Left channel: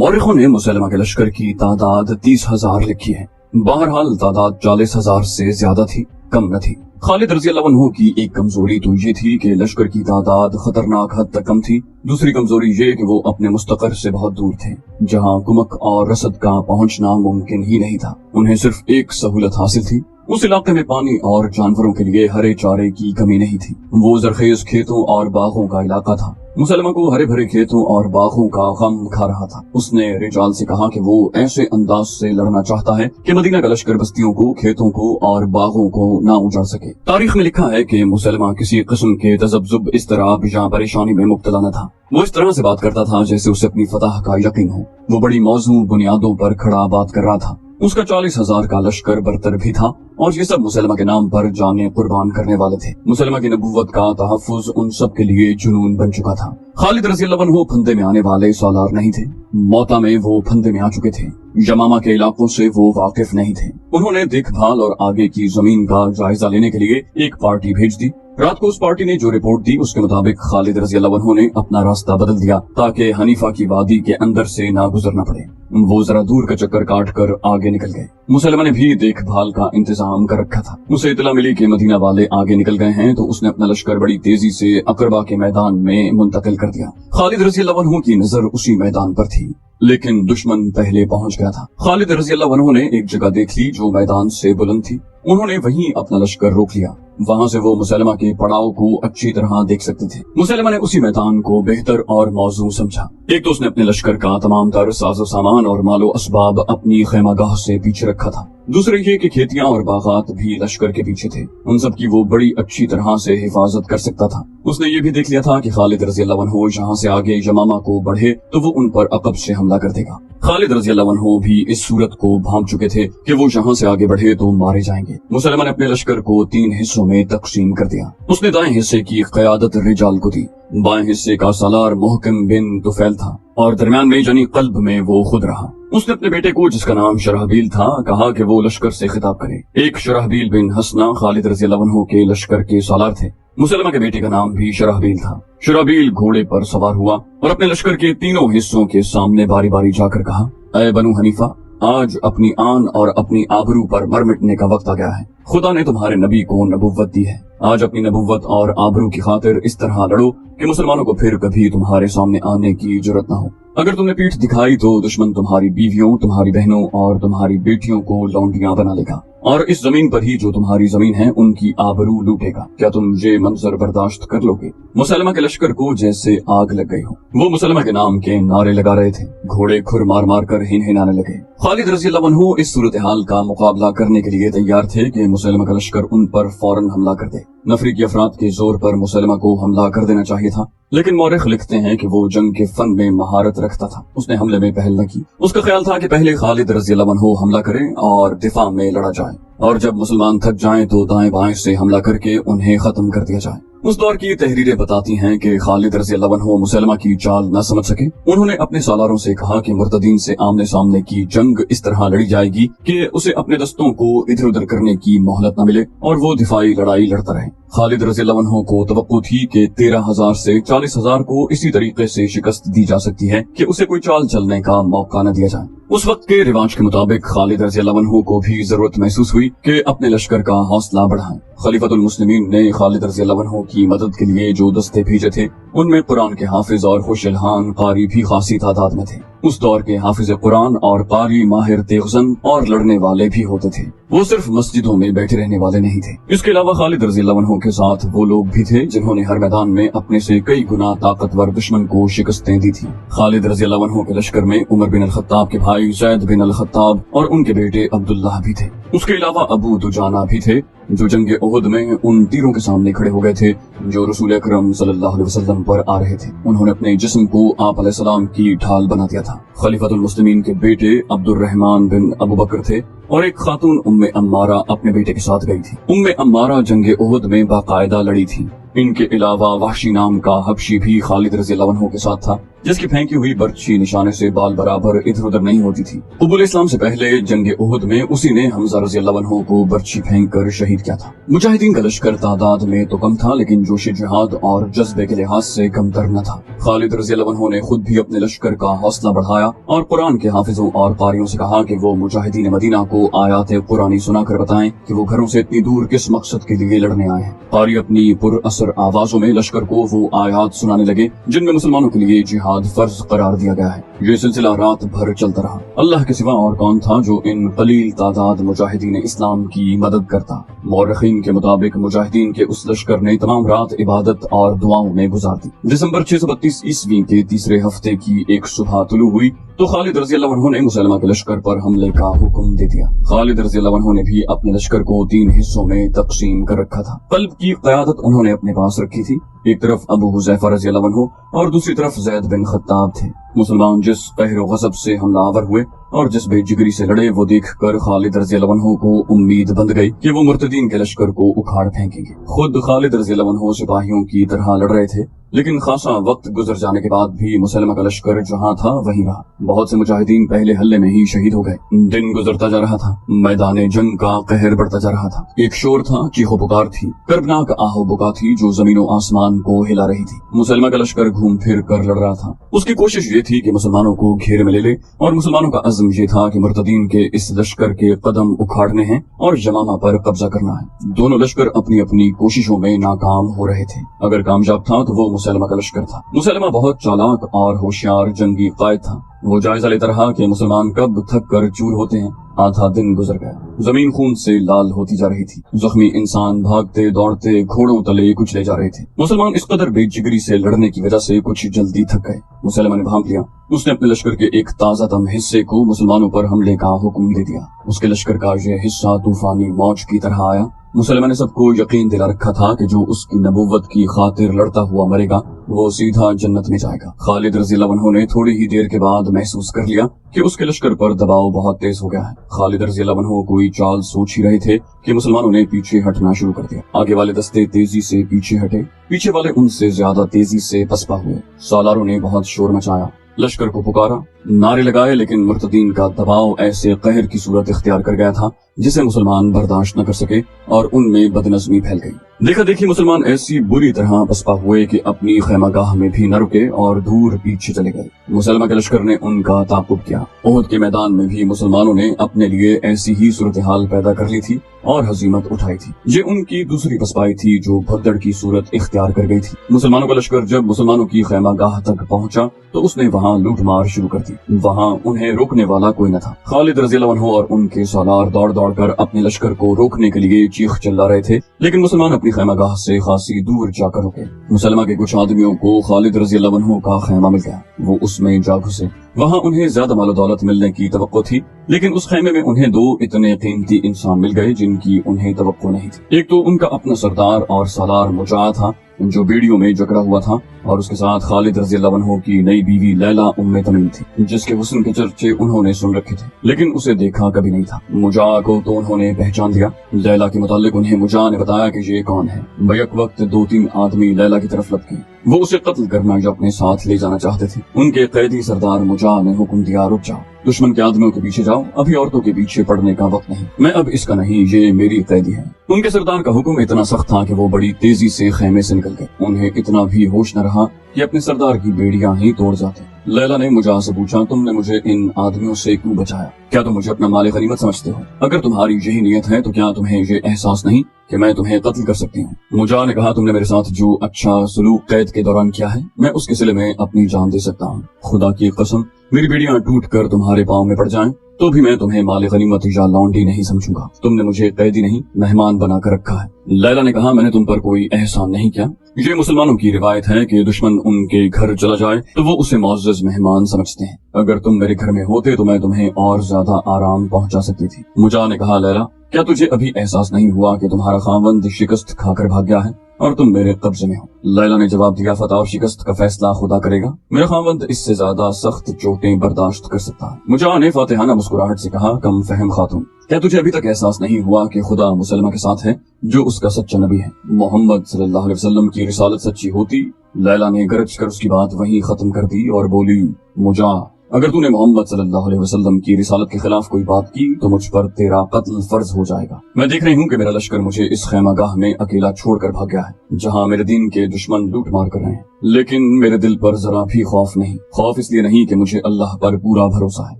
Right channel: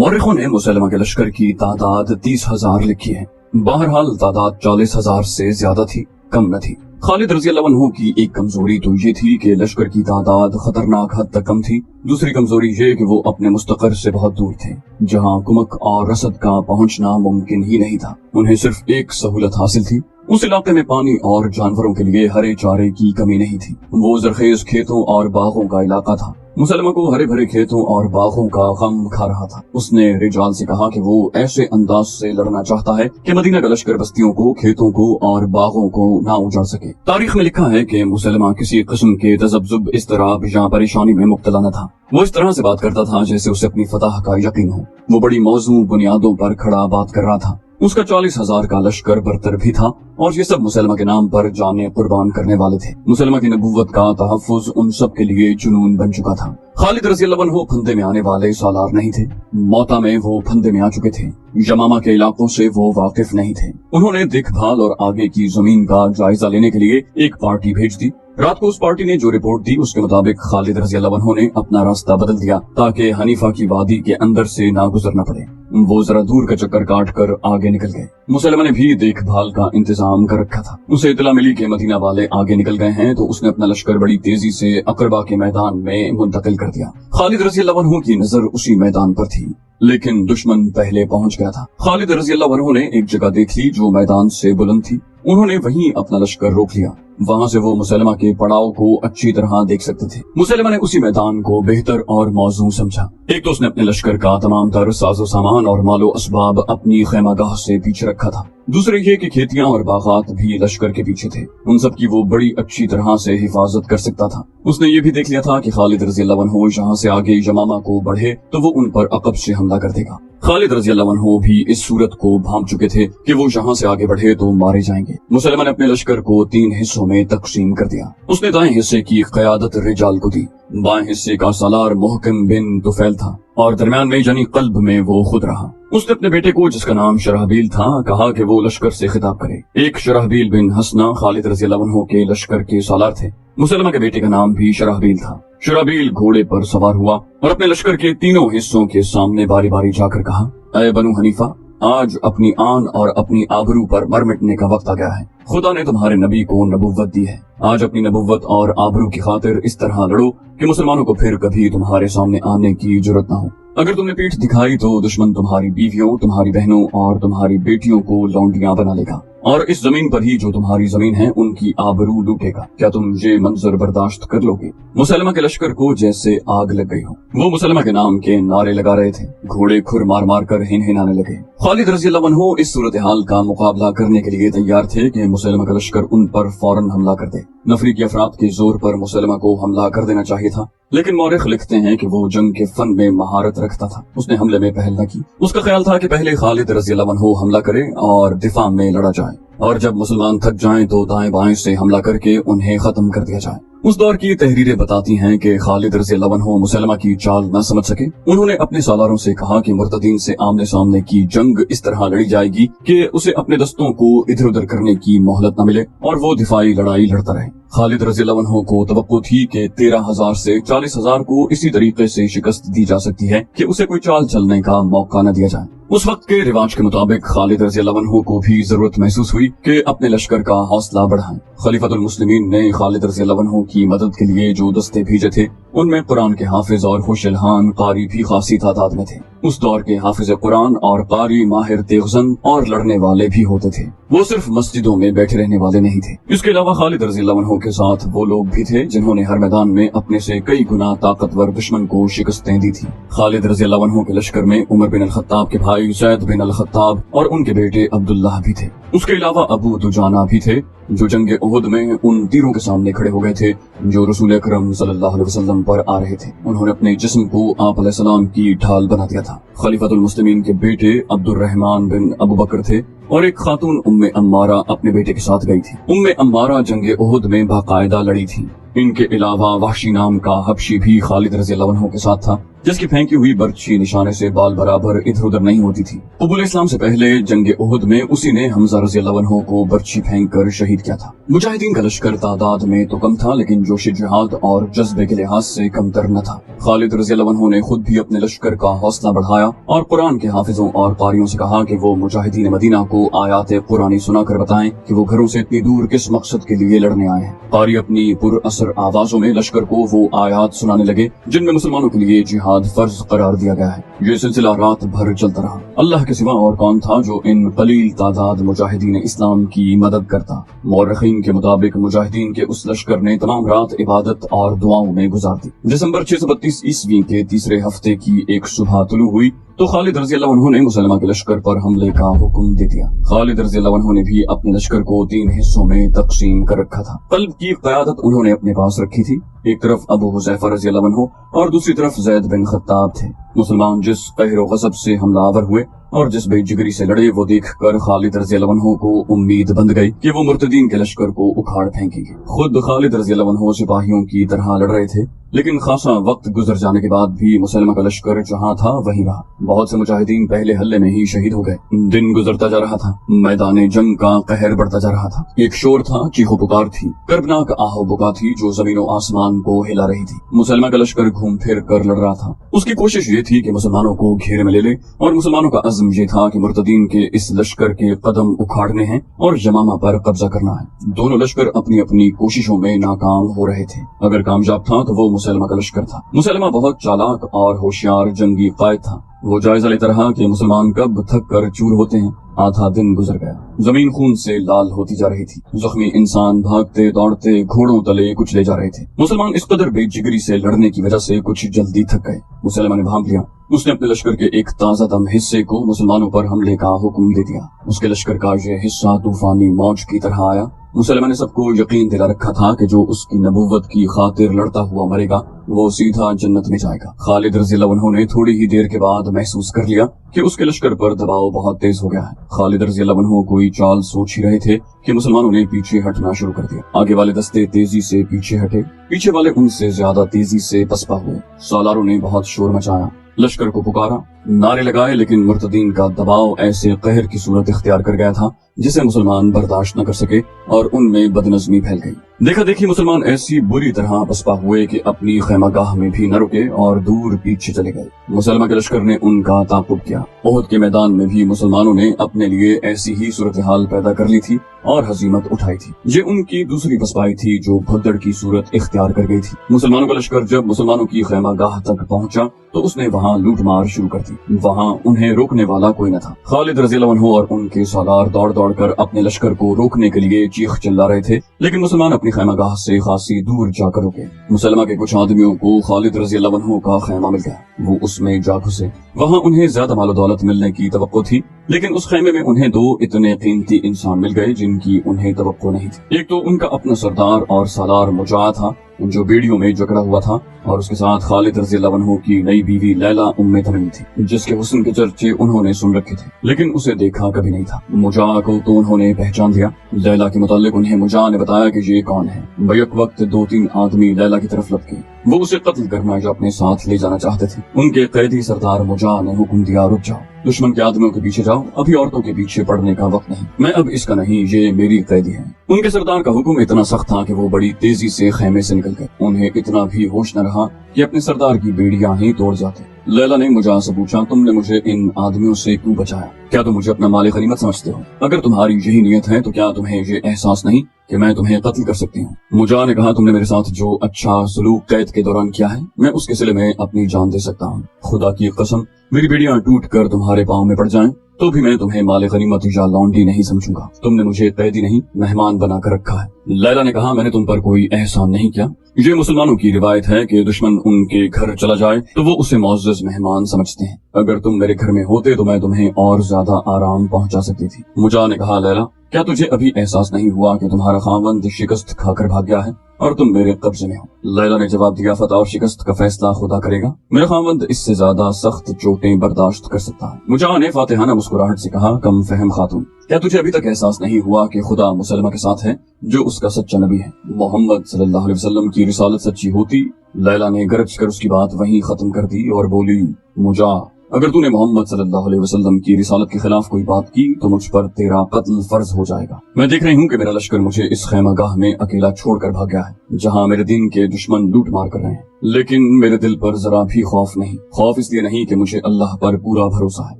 मौरखों ने मुसलमा के लश्कर की तादाद 30,000 लिखी है। बहरहाल तादाद 40,000 से ज्यादा थी, कम न थी। खालिद रज़ी अल्लाह अन्हु की एक कमजोरी तो ये थी कि लश्कर की तादाद खतरनाक हद तक कम थी। दूसरी कमजोरी ये कि वो अपने मुस्तकर से बहुत दूर थे, जहाँ कुमक और रसद का पहुंचना मुमकिन ही नहीं था। उन्हें सिर्फ एक सहूलत हासिल थी, उस इलाके में पानी और जानवरों के लिए हरे चारे की कमी नहीं थी। वो जरखेज खेतों और बागों का इलाका था। मुसलमा को हरे भरे खेतों और बागों का गम खा रहा था। उसने रिजाल से कहा कि वो ऐसे अंदाज से लड़ना चाहता है कि मदीना का लश्कर बस्तियों को, खेतों को और बागों को ना उजाड़ सके। तारीख में लिखा है कि मुसलमा किसी किस्म के तजब्जुब, इस्तराब या परेशानी में मुब्तला न था। वो इस तरह से बात करता था जैसे उसे अपनी फतह का यकीन हो। वो बड़ी मौजूद बुनियादों पर खड़ा बात कर रहा था। उसका 40,000 का लश्कर बरतर भी था और ये सब मुसलमा के नाम पर जाने कुर्बान करने वाले थे। मुसलमा की नबूवत का तहफ्फुज उन सब के लिए जुनून बन चुका था। खालिद रज़ी अल्लाह अन्हु फंदे में आने वाले सालार नहीं थे। मौता में वो फंदे में आ चुके थे। यमामा के इलाकों से वो वाकिफ नहीं थे। उन्होंने देखभाल और आगे की जमीन का जायजा लेने के लिए एक पार्टी भेज दी। रात को उस पार्टी ने जो रिपोर्ट दी उसके मुताबिक खालिद रज़ी अल्लाह अन्हु ने अपना रास्ता बदल दिया ताकि हनीफा की वादी के अंदर से ना गुजरना पड़े। वो जरा दूर का चक्कर काट कर आगे निकल गए। मुसलमा ने भी देखभाल का इंतजाम कर रखा था। उसे इतला मिली कि मदीना वाले आगे निकल गए हैं तो उसने अपना लश्कर बड़ी तेजी से अकरबा के मैदान में मुंतकिल कर दिया। खालिद रज़ी अल्लाह अन्हु की नजर उसी मैदान पर थी, लेकिन दुश्मन पहले पहुंच गया था। खालिद रज़ी अल्लाह अन्हु ने एक जगह देख ली जो मैदान से बुलंद थी। उन्होंने वहीं अपना लश्कर रोक लिया। वहाँ से वो मुसलमा के पड़ाव को अच्छी तरह देख सकते थे। मुसलमा ने उसी मैदान को बेहतर और मौजू समझा। एक तो उसने अपने लश्कर का तमाम तर साजो सामान और मालो असबाब अपनी खैमागाह से पीछे रखा था। दूसरे ये कि खेतियां और बागात भी लश्कर के पीछे थे। उन सब की वो बड़ी अच्छी तरह से हिफाजत कर सकता था। उसने ये भी देख लिया था कि खालिद रज़ी अल्लाह अन्हु यहाँ से आगे यमामा को बढ़े तो वो उन पर अकब से हमला कर देगा। खालिद रज़ी अल्लाह अन्हु भी इस सूरत को भांप चुके थे कि वो यहाँ से आगे बढ़े तो मारे जाएंगे। मुसलमान ने अपने लश्कर को 3 हिस्सों में तकसीम कर दिया। उसने दाएं हिस्से की क़यादत रिजाल को दी, बाएं हिस्से का सालार मुहकम बिन तुफैल था और दरमियान में यानी कल्ब में वो खुद रहा। उसने अपने बेटे को, जिसका नाम शरहबील था, कहा कि वो लश्कर से खिताब करे। एक शरहबील बिन हसना खालिद रज़ी अल्लाह अन्हु के लश्कर के सालार थे। मुसलमा के बेटे का नाम भी शरहबील था। शरहबील घोड़े पर सवार हुआ और अपने लश्कर के तीनों हिस्सों के सामने बारी बारी जाकर कहा, ऐ बनु हनीफा, आज अपनी आन और अपनी आबरू पर मर मिटने का वक्त आ गया है। खुदा ने तुम्हारे नबी को नबुव्वत दी है। आज अपनी नबुव्वत और आबरू की खातिर इस तरह लड़ो कि मुसलमानों को फिर कभी तुम्हारे सामने आने की जुर्रत न हो। अगर तुमने पीठ दिखाई तो दुश्मन तुम्हारी बीवियों, तुम्हारी बहनों और तुम्हारी बेटियों को लौंडियां बना लेगा और इस जमीन पर ही जो तुम्हारी जमीन है उनकी आबरू लूटेगा। क्या तुम ये मंजर बर्दाश्त कर लोगे? मुसलमा के लश्कर को जैसे आग लग गई हो। वो मुसलमा के नाम के नारे लगा रहे थे। घोड़े खुर मार मार कर हिनहिनाने लगे। खालिद रज़ी अल्लाह अन्हु इस सूरत हाल का मुकाबला करने के लिए तैयार थे कि मुसलमा का लश्कर उन पर फौरन हमला कर दे। नफरी की अफराद के जोर पर मुसलमा को हमला कर देना चाहिए था, लेकिन मौरिख लिखते हैं कि वो जंग के फन में महारत रखता था। उसने हमले में पहल न की। उसका ख्याल था कि पहले खालिद रज़ी अल्लाह अन्हु हमला करे और दिफा में लड़ा जाए और जब मुसलमान थक जाएं तो दाएं बाएं से हमला करके उन्हें खत्म कर दिया जाए। उस दौर की तहरीरें बताती हैं कि खालिद रज़ी अल्लाह अन्हु मुसलमा की चाल न समझ सके। उन्होंने अपने सालारों से कहा कि मुर्तदीन से आमने सामने की जंग इस तरह लड़ी जाएगी कि उसे अपने दस्तों को इधर उधर करने की मोहलत न मिले और वो दिफाई लड़ाई लड़ता रहे। खालिद रज़ी अल्लाह अन्हु को तवक्को थी कि 13,000 से 40,000 को इसी तरीके से शिकस्त दी जा सकती है कि उसे कोई चाल चलने का मौका न दिया जाए। उस वक्त के रिवाज के मुताबिक खालिद रज़ी अल्लाह अन्हु को भी जरूरत महसूस हुई कि अपने लश्कर का हौसला बढ़ाएं। खलीफतुल मुस्लिमीन ने खालिद रज़ी अल्लाह अन्हु की मदद के लिए जो दस्ते भेजे थे उनमें कुरान के हाफिज और खुशलहान कारी भी खासी तादाद में थे। उस दौर के हाफिज कुरान और कारी माहिर तेगजन और लड़ने वाले भी होते थे। वो सिर्फ मस्जिदों में बैठे रहने वाले नहीं थे। इसके अलावा खालिद रज़ी अल्लाह अन्हु के साथ वो लोग भी थे जिन्होंने हर मैदान में अपने से कई गुना ताकतवर दुश्मन को शिकस्तें दी थी। खालिद रज़ी अल्लाह अन्हु के लश्कर में उमर बिन अल खत्ताब के भाई ज़ैद बिन अल खत्ताब और उनके बेटे अब्दुल्लाह भी थे। उसके अलावा अबू दुजाना भी थे जो जंगे उहुद में उन तीरों के सामने खड़े हो गए थे जो रसूल अकरम सल्लल्लाहु अलैहि वसल्लम पर आ रहे थे। उन्होंने अपने जिस्म को आप अलैहिस्सलाम की ढाल बना दिया था। खलीफतुल मुस्लिमीन के बेटे अब्दुर्रहमान बिन अबू बकर थे और एक खातून उम्मे अम्मारा अपने बेटे के साथ गई थी। उम्मे अम्मारा जंगे उहुद में बाकायदा लड़ी थी। इनके अलावा वहशी नाम का हबशी भी खालिद रज़ी अल्लाह अन्हु के साथ था, जिसकी फेंकी हुई बर्छी निशाने से बाल बराबर इधर उधर नहीं होती थी। कबूल इस्लाम से पहले जंग उहुद में उसी ने हमजा रज़ी अल्लाह अन्हु को बर्छी फेंक कर शहीद किया था। मुजाहिदीन का लश्कर तादाद में तो कम था, लेकिन जोश जिहाद और जज्बे के लिहाज से कमतर न था। खालिद रज़ी अल्लाह अन्हु ने खुद भी अपने लश्कर का हौसला बढ़ाया और कुरान के हाफिजों और कारियों से कहा कि वो मुजाहिदीन मदीना को आयात कुरानी सुनाकर बताएं कि वो घरों से इतनी दूर किस मकसद के लिए लड़ने आए हैं। कारी अपनी पुरअसर आवाजों में लश्कर को वो आयात सुनाने लगे जिनमें मुसलमानों के लिए जिहाद फर्ज करार दिया गया है। ये सिलसिला रात भर चलता रहा। अल्लाह के सिवा और कौन था जो इन कलील तादाद मुजाहिदीन इस्लाम की मदद करता। मौरखीन के मुताबिक मुजाहिदीन के उस लश्कर ने तमाम रात इबादत और दुआओं में गुजार दी। दिसंबर 632 ईस्वी के तीसरे हफ्ते की एक सुबह तुलू हुई तो खालिद रज़ी अल्लाह अन्हु ने मुसलमा के लश्कर पर हमले का हुक्म दे दिया। खालिद रज़ी अल्लाह अन्हु ने भी अपने लश्कर को 3 हिस्सों में तकसीम कर रखा था। कल्ब की क़यादत उन्होंने अपने पास रखी थी। एक तरफ अबू हुज़ैफा रज़ी अल्लाह अन्हु और दूसरी तरफ ज़ैद बिन खत्ताब थे। मुसलमान जिस कहर गज़ब से हमलावर हुए और जिस बेजिगरी से लड़े वो देख कर खालिद रज़ी अल्लाह अन्हु को उम्मीद बंध गई कि वो मुर्तदीन के लश्कर को उखाड़ फेंकेंगे। खुद खालिद रज़ी अल्लाह अन्हु सिपाहियों की तरह लड़ रहे थे, लेकिन खासा वक्त गुजर जाने के बाद भी मुसलमा का लश्कर जहाँ था वहीं रहा। बहुत से मुजाहिदीन पहले हल्ले में ही शहीद हो गए। दिन गुजरता जा रहा था, मैदान जंग का कहर बढ़ता जा रहा था। एक शोर था, चीखो पुकार थी, कर्बनाक आहो बुका थी जो जमीनों आसमान को हिला रही थी। मुसलमा का लश्कर घूम फिर कर लड़ रहा था। उसकी कोशिश ये थी कि मुसलमानों को घेरे में ले ले और मुसलमानों का अज़्म ये था कि मुर्तदीन के इस लश्कर के कदम उखाड़ने हैं और यमामा पर कब्जा करना है। दोनों लश्कर अपनी अपनी कोशिशों में नाकाम हो रहे थे। अगर कामयाब था तो वो मुसलमा का लश्कर था। मुसलमा बहुत चालाक और होशियार जंगी कायद था। वो जायजा लेता रहा कि मुसलमान कब थक कर चूर होते हैं। आधा दिन गुजर गया, जमीन खून से लाल होती जा रही थी। जख्मी इंसान भागते दौड़ते घोड़ों तले कुचले जा रहे थे। मुसलमान इस कदर बेजिगरी से लड़ने की वजह से कुछ जल्दी थक गए। मुसलमान ने भांप लिया। उसने अपने लश्कर के एक ताजा दम हिस्से को मुसलमानों पर हमले का हुक्म दे दिया। उसके लश्कर का ये हिस्सा तूफानी मौज की तरह आया। मुसलमान ने सबको यकीन दिला रखा था कि जो उसकी नबूवत की खातिर लड़ता हुआ मरेगा वो सीधा जन्नत में जाएगा। खालिद रज़ी अल्लाह अन्हु ने थोड़ी ही देर के बाद महसूस कर लिया कि उसके लश्कर पर दबाव बहुत तेज हो गया है। खालिद रज़ी अल्लाह अन्हु कोई चाल सोच ही रहे थे कि मुसलमानों ने पीछे हटना शुरू कर दिया। आगे वाले दस्ते तेजी से पीछे हटे, पीछे वाले उनसे ज्यादा तेजी से पसपा हुए। सालारों ने बहुत शोर मचाया, लश्कर को पुकारा, नारे लगाए, लेकिन मुर्तदीन का दबाव ऐसे कहर की सूरत इख्तियार कर गया था जिसे मुसलमान बर्दाश्त न कर सके और उनमें बदनज़मी फैल गई। देखा देखी मुसलमान ऐसी बुरी तरह पसपा हुए कि अपनी खैमागाह में भी न रुके और दूर पीछे चले गए। मुसलमान के लश्कर ने उनका ताक़ुब किया। उहुद के मैदान में भी मुसलमानों ने अपने लिए ऐसी ही सूरत हाल पैदा कर ली थी और हजीमत उठाई थी। ये उनकी दूसरी पसपाई थी जो भगदड़ की सूरत इख्तियार कर गई थी। मुसलमानों का लश्कर जब मुसलमानों की खैमागाह तक पहुंचा तो उसने वहाँ लूट मार शुरू कर दी। वहाँ उन्हें रोकने वाला कोई न था। खालिद रज़ी अल्लाह अन्हु और उनके सालार दौड़ दौड़ कर अपने लश्कर को रोकने के लिए चीख चिल्ला रहे थे, लेकिन मुसलमान अपनी खैमागाह से खासी दूर जाकर रुके। मुसलमान के कुछ आदमियों को खालिद रज़ी अल्लाह अन्हु का खैमा मिल गया। वो उसमें जा घुसे। वहाँ उन्हें ज्यादा मालो दौलत मिलने की तवक्को थी, लेकिन उस खैमे में उन्हें 2 इतने कीमती इंसान मिल गए जिनकी उन्हें तवक्को नहीं थी। एक तो उनका अपना सरदार और सालार मुजाह था जो बेड़ियों में जकड़ा हुआ था, और उसके साथ खालिद रज़ी अल्लाह अन्हु की नई बीवी लैला उम्मे तमीम थी, जिसके हुस्न के चर्चे उन्होंने सुन रखे थे, लेकिन उसे देखा कभी नहीं था। मुजाह को तो उन्होंने पहचान लिया। लैला के मुतालिक उन्हें मुजाह ने बताया कि ये कौन है। बैक वक्त 2-3 आदमी लैला की तरफ लपके। वो उसे कत्ल करना जो अपने साथ ले जाना चाहते थे। उनके कैदी सरदार मुजाह ने हुक्म दिया, रुक जाओ, दुश्मन के आदमियों के पीछे जाओ, अभी औरतों के पीछे पड़ने का वक्त नहीं। मैं अब इसका नहीं, ये मेरी कैदी है। उनके सरदार का हुक्म इतना सख्त था कि वो बड़ी तेजी से खेमे से निकल गए। उन्हें इतना भी होश न रहा कि अपने सरदार की बेड़ियां ही तोड़ जाते। लैला ने मुजाह से पूछा, तुमने मुझे इन आदमियों से क्यों बचाया? क्या तुम मुझे अपना मालिक गनीमत समझते हो? अगर तुम्हारी यही नियत है तो क्या तुम्हें ये एहसास नहीं कि मैं तुम्हें कत्ल कर सकती हूँ? मुजाह ने कहा, तुमने मेरे साथ जो अच्छा सलूक कैद के दौरान किया है, मैं उसके सिले में अपनी जान दे सकता हूँ। खुदा की कसम, मेरी बेड़ियां टूट कर तुम्हारे पाँव में पड़ जाएं तो भी मैं तुम्हें माले गनीमत या लौंडी नहीं समझूंगा। तुमने मुझे कैदी नहीं मेहमान बनाकर रखा है। लैला ने कहा, मैंने तुम पर कोई एहसान नहीं किया। ये मुसलमानों की रिवायत है कि दुश्मन उनके घर चला जाए तो वो उसे मुअज़्ज़ज़ मेहमान समझते हैं। अगर तुम मेरे घर में होते तो मैं तुम्हें और ज्यादा आराम पहुंचा सकती थी। मुजाह ने कहा, लैला, क्या तुझे अभी एहसास नहीं हुआ कि तुम्हारा खावंद शिकस्त खाकर भाग गया है? اور तुम मेरे कब्जे में हो। लैला ने जवाब दिया, फतह और शिकस्त का फैसला खुदा करेगा, मेरा खामंद इससे ज्यादा सख्त चोटें बर्दाश्त कर सकता है। मुजाह ने फातिहाना मुस्कुराहट से कहा, कम फहम खातून, क्या तुझे अभी तक एहसास नहीं हुआ कि खुदा मुसलमा के साथ है जो उसका सच्चा नबी है? मोहम्मद सल्लल्लाहु अलैहि वसल्लम की रिसालत सच्ची होती। लैला ने गरज कर उसकी बात वहीं खत्म कर दी और बोली, मुजाह, अगर तूने मोहम्मद सल्लल्लाहु अलैहि वसल्लम की रिसालत के खिलाफ कोई बात की तो मुझ पर तेरा कत्ल फर्ज हो जाएगा। मैं देख रही हूँ कि मेरा लश्कर मुझे इस खैमागाह में अकेला छोड़कर भाग गया है, जहाँ मेरे दीन के दुश्मन लूट मार कर रहे हैं, लेकिन मेरे दिल पर जरा भी खौफ नहीं। खौफ इसलिए नहीं कि मुझे अल्लाह पर पूरा भरोसा है।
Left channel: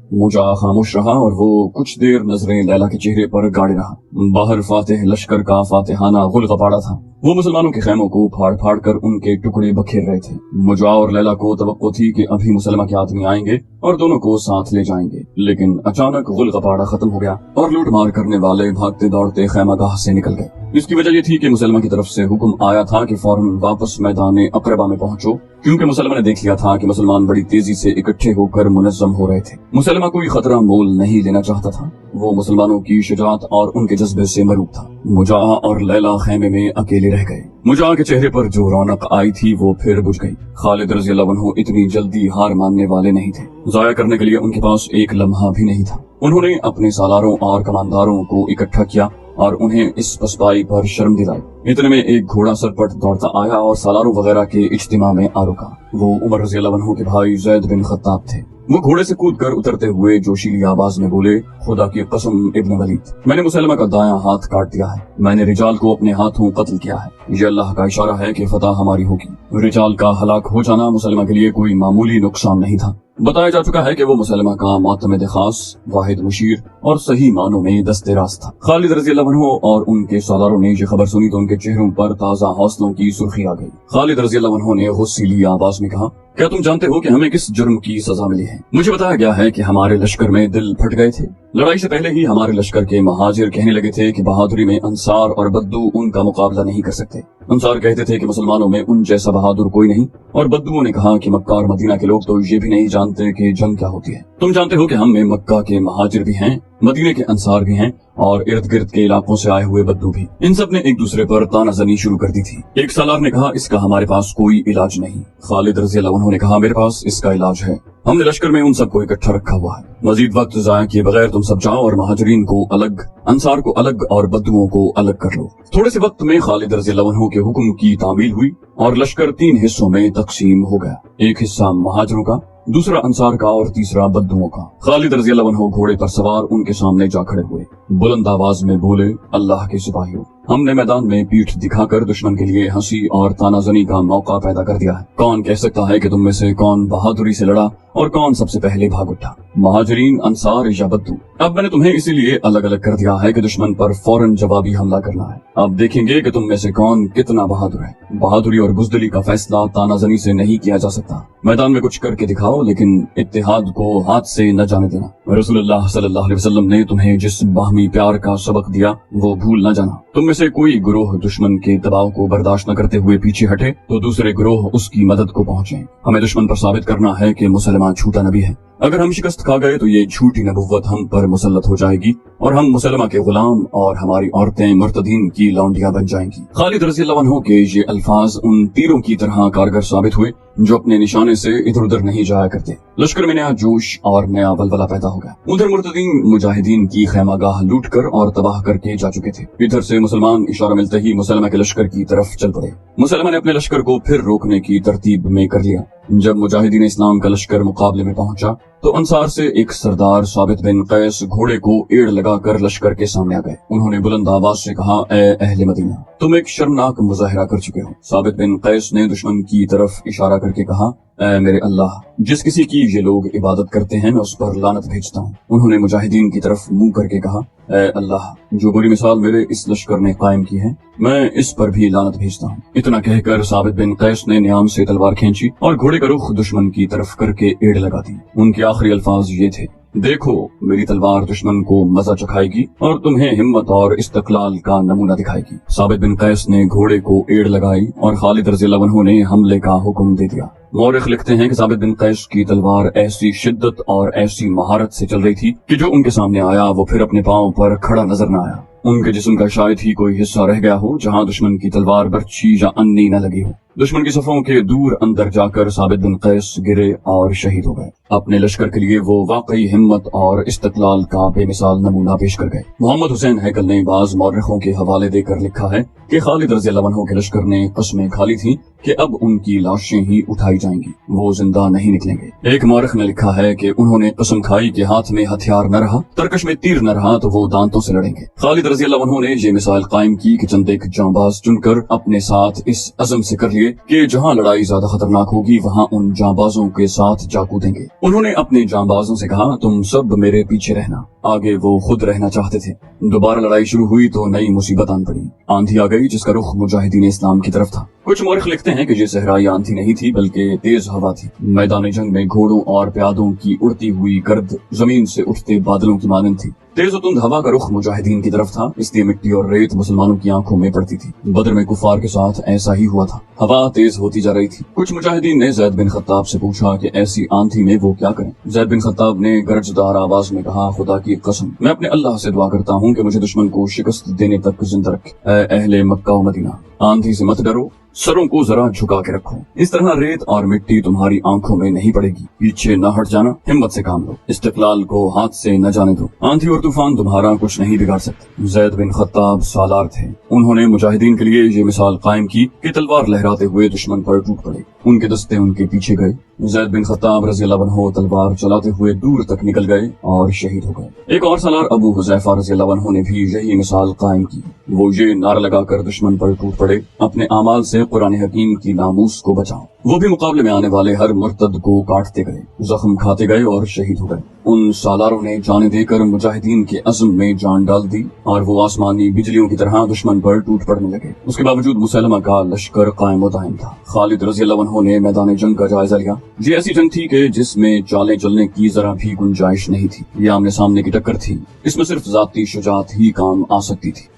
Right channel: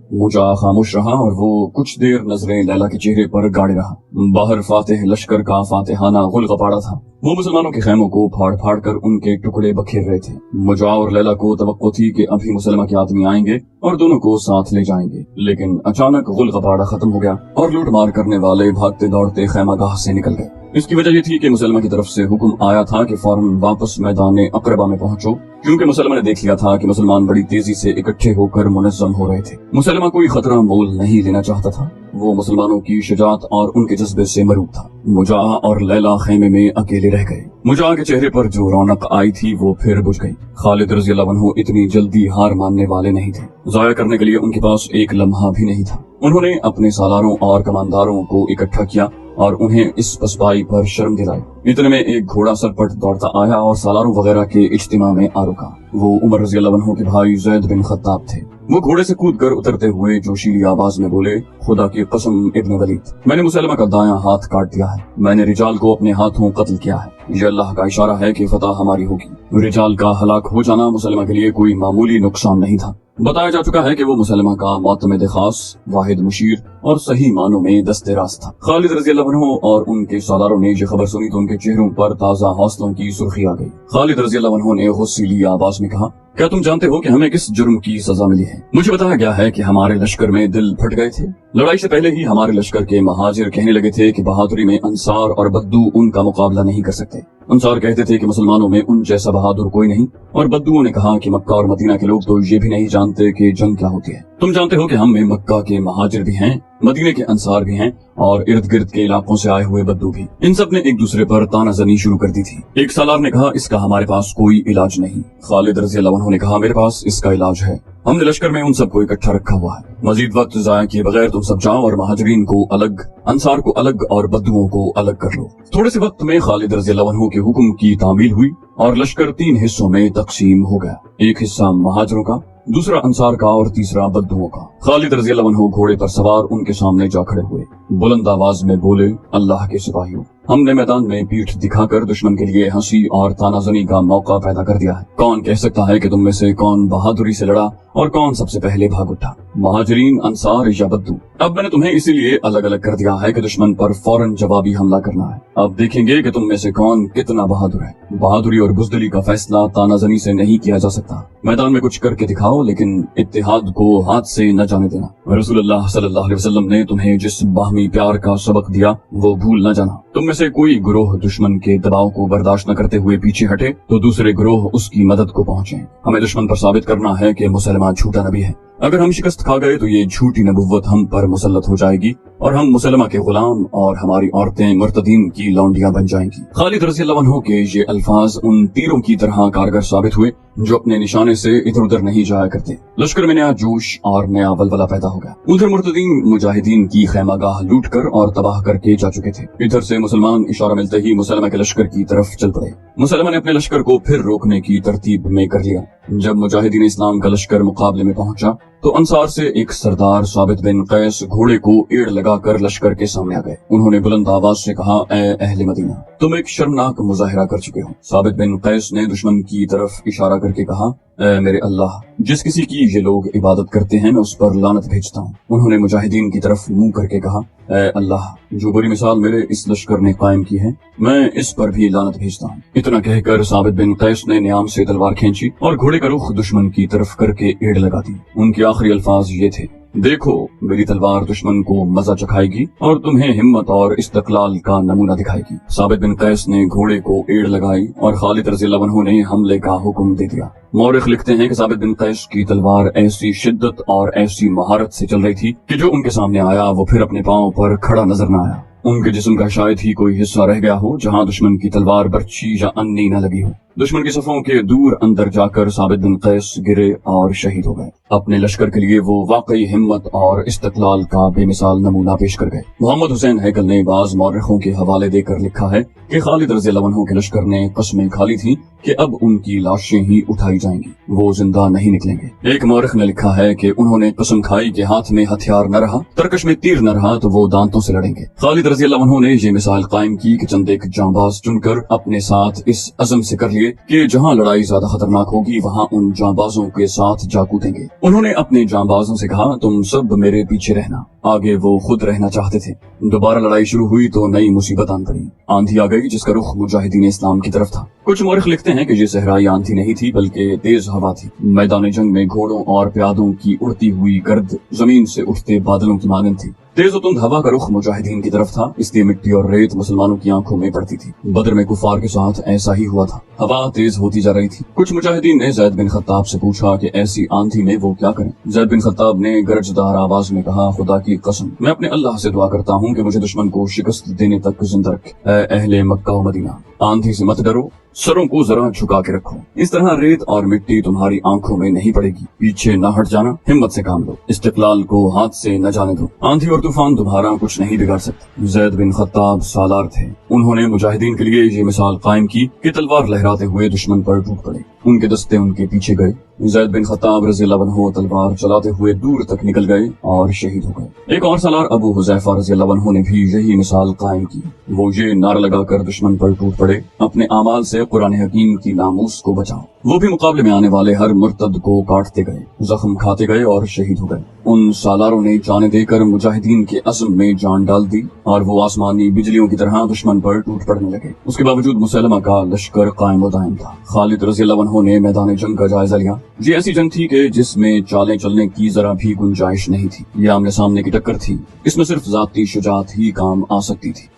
मुजा खामोश रहा और वो कुछ देर नजरें लैला के चेहरे पर गाड़े रहा। बाहर फातिह लश्कर का फातिहाना गुलगबाड़ा था। वो मुसलमानों के खैमों को फाड़ फाड़ कर उनके टुकड़े बखेर रहे थे। मुजा और लैला को तवक्को थी कि अभी मुसलमा के आदमी आएंगे और दोनों को साथ ले जाएंगे, लेकिन अचानक गुलगबाड़ा खत्म हो गया और लूट मार करने वाले भागते दौड़ते खैमागाह से निकल गए। इसकी वजह ये थी कि मुसलमा की तरफ से हुक्म आया था कि फौरन वापस मैदान अकरबा में पहुंचो, क्योंकि मुसलमा ने देख लिया था कि मुसलमान बड़ी तेजी से इकट्ठे होकर मुनज़्ज़म हो रहे थे। मुसलमा कोई खतरा मोल नहीं लेना चाहता था। वो मुसलमानों की शुजाअत और उनके जज्बे से मरूब था। मुजा और लैला खेमे में अकेले रह गए। मुजा के चेहरे पर जो रौनक आई थी वो फिर बुझ गई। खालिद रज़ियल्लाहु अन्हु इतनी जल्दी हार मानने वाले नहीं थे। जाया करने के लिए उनके पास एक लम्हा भी नहीं था। उन्होंने अपने सालारों और कमानदारों को इकट्ठा किया और उन्हें इस पसपाई पर शर्म दिलाई। इतने में एक घोड़ा सरपट दौड़ता आया और सालारों वगैरह के इज्तिमा में आ रुका। वो उमर रज़ियल्लाहु अन्हु के भाई ज़ैद बिन खत्ताब थे। वो घोड़े से कूदकर उतरते हुए जोशीली आवाज में बोले, खुदा की कसम इब्न वलीद, मैंने मुसलमा का दायां हाथ काट दिया है। मैंने रिजाल को अपने हाथों कत्ल किया है। ये अल्लाह का इशारा है कि फतह हमारी होगी। रिजाल का हलाक हो जाना मुसलमा के लिए कोई मामूली नुकसान नहीं था। बताया जा चुका है कि वो मुसलमा का मोतमिद खास, वाहिद मुशीर और सही मानों में दस्ते रास था। खालिद रज़ियल्लाहु अन्हु और उनके सालारों ने ये खबर सुनी तो उनके चेहरों पर ताजा हौसलों की सुर्खी आ गई। खालिद रज़ियल्लाहु अन्हु ने गुस्सीली आवाज में कहा, क्या तुम जानते हो कि हमें किस जुर्म की सजा मिली है? मुझे बताया गया है कि हमारे लश्कर में दिल फट गए थे। लड़ाई से पहले ही हमारे लश्कर के महाजिर कहने लगे थे कि बहादुरी में अंसार और बद्दू उनका मुकाबला नहीं कर सकते। अंसार कहते थे कि मुसलमानों में उन जैसा बहादुर कोई नहीं, और बद्दुओं ने कहा कि मक्का और मदीना के लोग तो ये भी नहीं जानते कि जंग क्या होती है। तुम जानते हो कि हम में मक्का के महाजिर भी हैं, मदीने के अंसार भी हैं और इर्द गिर्द के इलाकों से आए हुए बद्दू भी। इन सब ने एक दूसरे पर तानाजनी शुरू कर दी थी। एक सालार ने कहा, इसका हमारे पास कोई इलाज नहीं। खालिद रज़ियल्लाहु अन्हु ने कहा, मेरे पास इसका इलाज है। हमने लश्कर में उन सबको इकट्ठा रखा हुआ है। मजीद वक्त जाया किए बगैर तुम सब जाओ और महाजरीन को अलग, अंसार को अलग और बद्दुओं को अलग कर लो। थोड़े से वक्त में खालिद रज़ियल्लाहु अन्हु के हुक्म की तामील हुई और लश्कर 3 हिस्सों में तकसीम हो गया। एक हिस्सा महाजरों का, दूसरा अंसार का और तीसरा बद्दुओं का। खालिद रज़ियल्लाहु अन्हु घोड़े पर सवार उनके सामने जा खड़े हुए। बुलंद आवाज में बोले, अल्लाह के सिपाहियों, हमने मैदान में पीठ दिखाकर दुश्मन के लिए हंसी और तानाजनी का मौका पैदा कर दिया है। कौन कह सकता है कि तुम में से कौन बहादुरी से लड़ा और कौन सबसे पहले भाग उठा, महाजरीन, अंसार या बद्दू? अब मैंने तुम्हें इसीलिए अलग अलग कर दिया है कि दुश्मन पर फौरन जवाबी हमला करना है। अब देखेंगे कि तुम में से कौन कितना बहादुर है। बहादुरी और बुज़दिली का फैसला तानाजनी से नहीं किया जा सकता। मैदान में कुछ करके दिखाओ, लेकिन इत्तेहाद को हाथ से न जाने देना। रसूलुल्लाह सल्लल्लाहु अलैहि वसल्लम ने तुम्हें जिस बाहमी प्यार का सबक दिया वो भूल न जाना। तुम में से कोई गुरोह दुश्मन के दबाव को बर्दाश्त न करते हुए पीछे हटे तो दूसरे गुरोह उसकी मदद को पहुंचे। हमें दुश्मन पर साबित करना है कि मुसलमान झूठा नबी है। अगर हम शिकस्त खा गए तो ये झूठी नबुव्वत हम पर मुसल्लत हो जाएगी और हम मुसलमा के गुलाम और हमारी औरतें मुर्तदीन की लौंडियां बन जाएंगी। खालिद रज़ियल्लाहु अन्हु के ये अल्फाज उन तीरों की तरह कारगर साबित हुए जो अपने निशाने से इधर उधर नहीं जाया करते। लश्कर में नया जोश और नया बलबला पैदा हो गया। उधर मुर्तदीन मुजाहिदीन की खैमागाह लूट कर और तबाह करके जा चुके थे। इधर से मुसलमान इशारा मिलते ही मुसलमा के लश्कर की तरफ चल पड़े। मुसलमान ने अपने लश्कर को फिर रोकने की तरतीब में कर लिया। जब मुजाहिदीन इस्लाम का लश्कर मुकाबले में पहुंचा तो अंसार से एक सरदार साबित बिन कैस घोड़े को एड़ लगाकर लश्कर के सामने आ गए। उन्होंने बुलंद आवाज से कहा, ए अहले मदीना, तुम एक शर्मनाक मुजाहिरा कर चुके हो। साबित बिन कैस ने दुश्मन की तरफ इशारा करके कहा, ए मेरे अल्लाह, जिस किसी की ये लोग इबादत करते हैं मैं उस पर लानत भेजता हूँ। उन्होंने मुजाहिदीन की तरफ मुंह करके कहा, ए अल्लाह, जो बुरी मिसाल मेरे इस लश्कर ने कायम की है मैं इस पर भी लानत भेजता हूँ। इतना कहकर साबित बिन कैस ने न्याम से तलवार खींची और घोड़े का रुख दुश्मन की तरफ करके एड़ लगा दी। उनके आखिरी अल्फाज ये थे, देखो मेरी तलवार दुश्मन को मजा चखाएगी और तुम्हें हिम्मत और इस्तकलाल का नमूना दिखाएगी। साबित बिन कैस ने घोड़े को एड़ लगाई और खालिद रज़ियल्लाहु अन्हु ने हमले का हुक्म दे दिया। मौरिख लिखते हैं कि साबित बिन कैस की तलवार ऐसी शिद्दत और ऐसी महारत से चल रही थी कि जो उनके सामने आया वो फिर अपने पांव पर खड़ा नजर न आया। उनके जिस्म का शायद ही कोई हिस्सा रह गया हो जहां दुश्मन की तलवार बर्छी या अन्नी न लगी हो। दुश्मन की सफों के दूर अंदर जाकर साबित बिन कैस गिरे और शहीद हो गए। अपने लश्कर के लिए वो वाकई हिम्मत और इस्तकलाल का बेमिसाल नमूना पेश कर गए। मोहम्मद हुसैन हैकल ने बाज मौरखों के हवाले देकर लिखा है कि खालिद रज़ी अल्लाह अन्हु के लश्कर ने कस्में खा ली थी कि अब उनकी लाशें ही उठाई जाएंगी, वो जिंदा नहीं निकलेंगे। एक मौरख ने लिखा है कि उन्होंने कसम खाई कि हाथ में हथियार न रहा, तरकश में तीर न रहा तो वो दांतों से लड़ेंगे। खालिद रज़ी अल्लाह अन्हु ने ये मिसाल कायम की कि चंद एक जांबाज चुनकर अपने साथ इस अज़म से कर लिए कि जहां लड़ाई ज्यादा खतरनाक होगी वहां उन जांबाजों के साथ जा कूदेंगे। उन्होंने अपने जांबाजों से कहा, तुम सब मेरे पीछे रहना। आगे वो खुद रहना चाहते थे। दोबारा लड़ाई शुरू हुई तो नई मुसीबत आन पड़ी। आंधी आ गई जिसका रुख मुजाहिदीन इस्लाम की तरफ था। कुछ मौरख लिखते हैं कि ये सहराई आंधी नहीं थी बल्कि तेज हवा थी। मैदान जंग में घोड़ों और प्यादों की उड़ती हुई गर्द जमीन से उठते बादलों की मानंद थी। तेज और तुंद हवा का रुख मुजाहिदीन की तरफ था, इसलिए मिट्टी और रेत मुसलमानों की आंखों में पड़ती थी। बदर में कुफार के साथ ऐसा ही हुआ था। हवा तेज होती जा रही थी। कुछ मुजाहिदीन ने ज़ैद बिन खत्ताब से पूछा कि ऐसी आंधी में वो क्या करें। ज़ैद बिन खत्ताब ने गरजदार आवाज में कहा, खुदा की कसम, मैं अपने अल्लाह से दुआ करता हूँ कि मुझे दुश्मन को शिकस्त देने तक जिंदा रखे। ऐ अहले मक्का व मदीना, आंधी से मत डरो, सरों को जरा झुका के रखो। इस तरह रेत और मिट्टी तुम्हारी आंखों में नहीं पड़ेगी। पीछे न हट जाना, हिम्मत से काम लो, इस्तिकलाल को हाथ से न जाने दो। आंधी और तूफान तुम्हारा कुछ नहीं बिगाड़ सकते। ज़ैद बिन खत्ताब सालार थे। उन्होंने मुजाहिदीन के लिए ये मिसाल कायम की कि तलवार लहराते हुए दुश्मन पर टूट पड़े। उनके दस्ते उनके पीछे गए। ज़ैद बिन खत्ताब रज़ी अल्लाह अन्हु तलवार चलाते हुए दूर तक निकल गए और शहीद हो गए। एक और सालार अबू हुज़ैफा रज़ी अल्लाह अन्हु ने भी यही मिसाल कायम की। वो ये नारा लगाकर दुश्मन पर टूट पड़े, अपने आमाल से कुरान हकीम की नामूस को बचाओ। वो भी मुकाबले में आने वाले हर मुर्तद को काटते गए, जख्म खाते गए और शहीद हो गए। उन सालारों ने जाने देकर मुजाहिदीन के अज़्म में जान डाल दी और वो आसमानी बिजलियों की तरह दुश्मन पर टूट पड़ने लगे। उसके बावजूद मुसलमा का लश्कर कायम व दायम था। खालिद रज़ी अल्लाह अन्हु ने मैदान जंग का जायजा लिया। ये ऐसी जंग थी कि जिसमें चालें चलने की जरा भी गुंजाइश नहीं थी। ये आमने सामने की टक्कर थी। इसमें सिर्फ जाती शुजाअत ही काम आ सकती थी।